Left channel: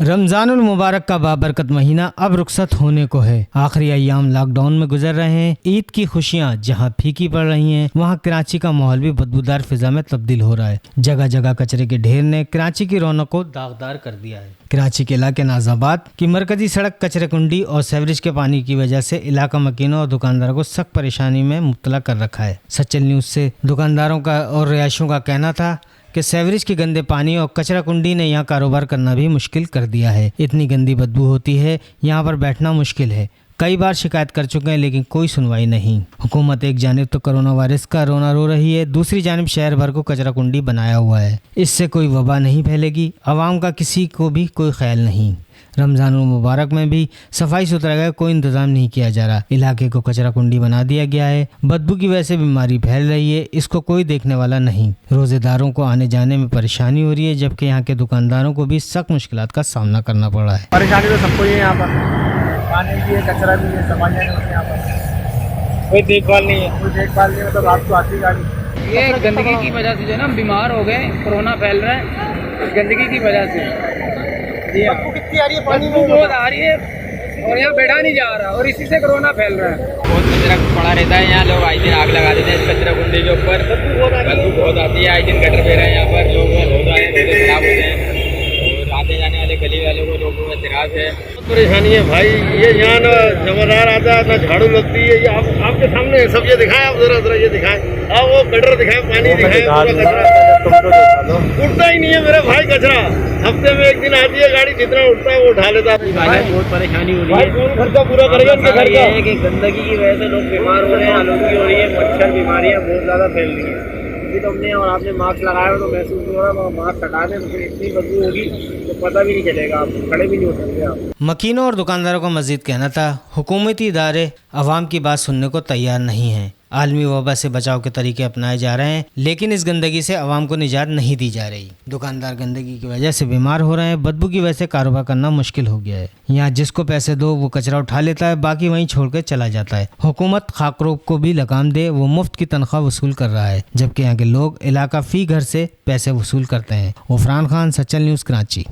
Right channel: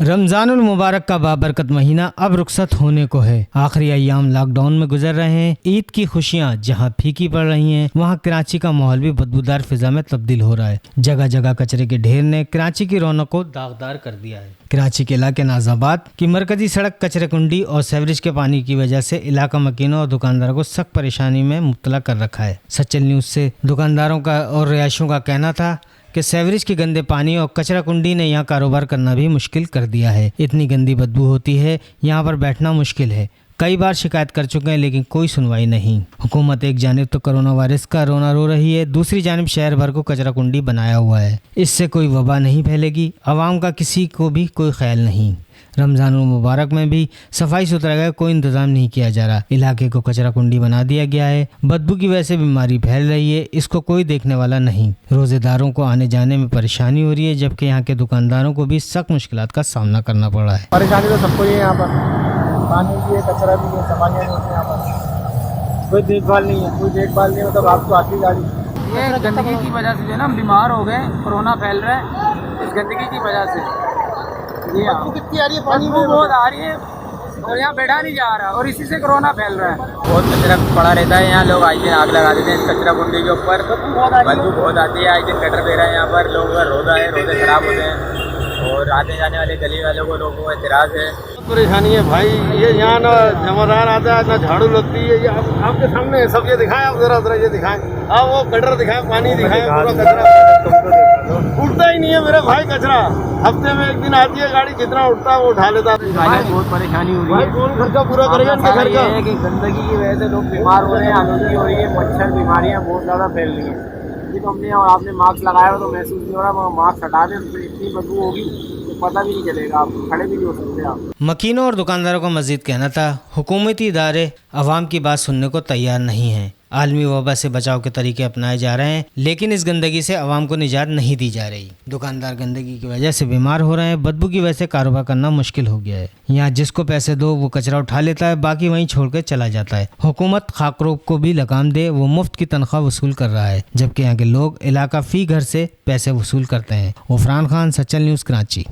रमजानुल मुबारक का बाबरकत महीना अब रुखसत होने को है। आखिरी अय्याम लॉकडाउन में गुजर रहे हैं। ईद की खुशियां जहां फीकी पड़ रही हैं, वहां कराची का माहौल भी बदबूदार फिजा में तब्दील हो रहा है। जगह जगह कचरे के ढेर ने कराची की रौनक को दागदार कर दिया है। कराची के इलाके नाजाबाद की मरकजी सड़क कचरे कुंडी और सेवरेज के पानी की वजह से इलाका मकीनों और दुकानदारों को सख्त परेशानी में मुब्तला कर रखा है। सच्चल न्यूज से दुकानदारों का और रिहायशियों का कहना था कि सेवरेज के गंदे पानी और कचरा कुंडी ने यहाँ कारोबार करना भी मुश्किल कर दिया है। इतनी गंदी बदबू होती है, यहाँ पर बैठना मुश्किल है। कई बार शिकायत कर चुके हैं लेकिन कोई सुनवाई नहीं। हुकूमत एक जानिब तो कोरोना वायरस का रोना रो रही है, दूसरी जानिब शहर भर को कचरा कुंडी बनाया हुआ है। इससे कोई वबा नहीं फैलेगी। आवाम का किसी को भी कोई ख्याल नहीं। रमजानुल मुबारक में भी सफाई सुथरा का कोई इंतजाम नहीं किया जा रहा। इलाके को कचरा कुंडी बना दिया गया है। बदबू की वजह से बीमारी फैल रही है, इसको कोई देखने वाला नहीं। रोजेदारों को आने जाने में परेशानी हो रही है, जबकि यहाँ के दुकानदारों को भी सख्त मुश्किलात का सामना करना पड़ रहा है। परेशानी तो सबको ही है यहाँ पर, पानी भी है, कचरा भी है, सफाई नहीं होती यहाँ पर, कोई देखभाल नहीं है। कोई देखभाल नहीं मतलब आपको आती गाड़ी। ये गंदगी की वजह से जो है ना बीमार हो गए, कोरोना फैल रहा है इस गंदगी की वजह से। बदबू कितनी आ रही है, पानी बदबू बहुत आ रही है और यहाँ बैठा नहीं जा रहा और इसी से कोरोना फैल रहा है। बहुत कचरा पड़ा रहता है यहाँ, लोग आते हैं आग लगा देते हैं इस कचरा कुंडी के ऊपर। बदबू बहुत आती है। आई दिन गटर बह रहा है यहाँ पर, लोगों का रोजा है, रोजे खराब होते हैं और आते जाने वाले गली वालों को लोगों को एतराज है। परेशानी है भाई। ये यहाँ ना जमादार आता है ना झाड़ू लगती है। ये आपके सामने है सब। ये दिखाएं आप, जरा ये दिखाएं आप, वो गटर दिखाएं, पानी दिखाएं, पूरा कचरा उठता ही नहीं है मेरा भाई। कचरा हफ्ते में एक दिन आती है गाड़ी, जितना उठता है वो उठा लेता है। बहुत परेशानी हो रही है। कौन खर्चा पूरा करेगा इनके घर का? कि गंदगी की वजह से लोग बीमार हो रहे हैं, आलूगी हो रही है, मच्छर बीमारियाँ बहुत ज़्यादा फैल रही हैं। अभी तो हमने और आपने मास्क लगाया हुआ तो महसूस नहीं हो रहा, मगर मास्क हटा दें तो फिर इतनी बदबू होगी तो पता भी नहीं चलेगा, आप खड़े भी नहीं हो सकते आप। मकीनों और दुकानदारों का मजीद कहना था, हुकूमती इदारे अवाम की बात सुनने को तैयार नहीं हैं। आलमी वबा से बचाव के तरीके अपनाए जा रहे हैं, लेकिन इस गंदगी से अवाम को निजात नहीं दी जा रही। दुकानदार गंदगी की वजह से बीमार हो रहे हैं। बदबू की वजह से कारोबार करना मुश्किल हो गया है। यहाँ जिसको पैसे दो वो कचरा उठा लेता है, बाकी वहीं छोड़कर चला जाता है। हुकूमत खाकरोब को भी लगाम दे, वो मुफ्त की तनख्वाह वसूल कर रहा है, जबकि यहाँ के लोग इलाका फी घर से पैसे वसूल करते हैं। गफरान खान, सच्चल न्यूज़, कराची।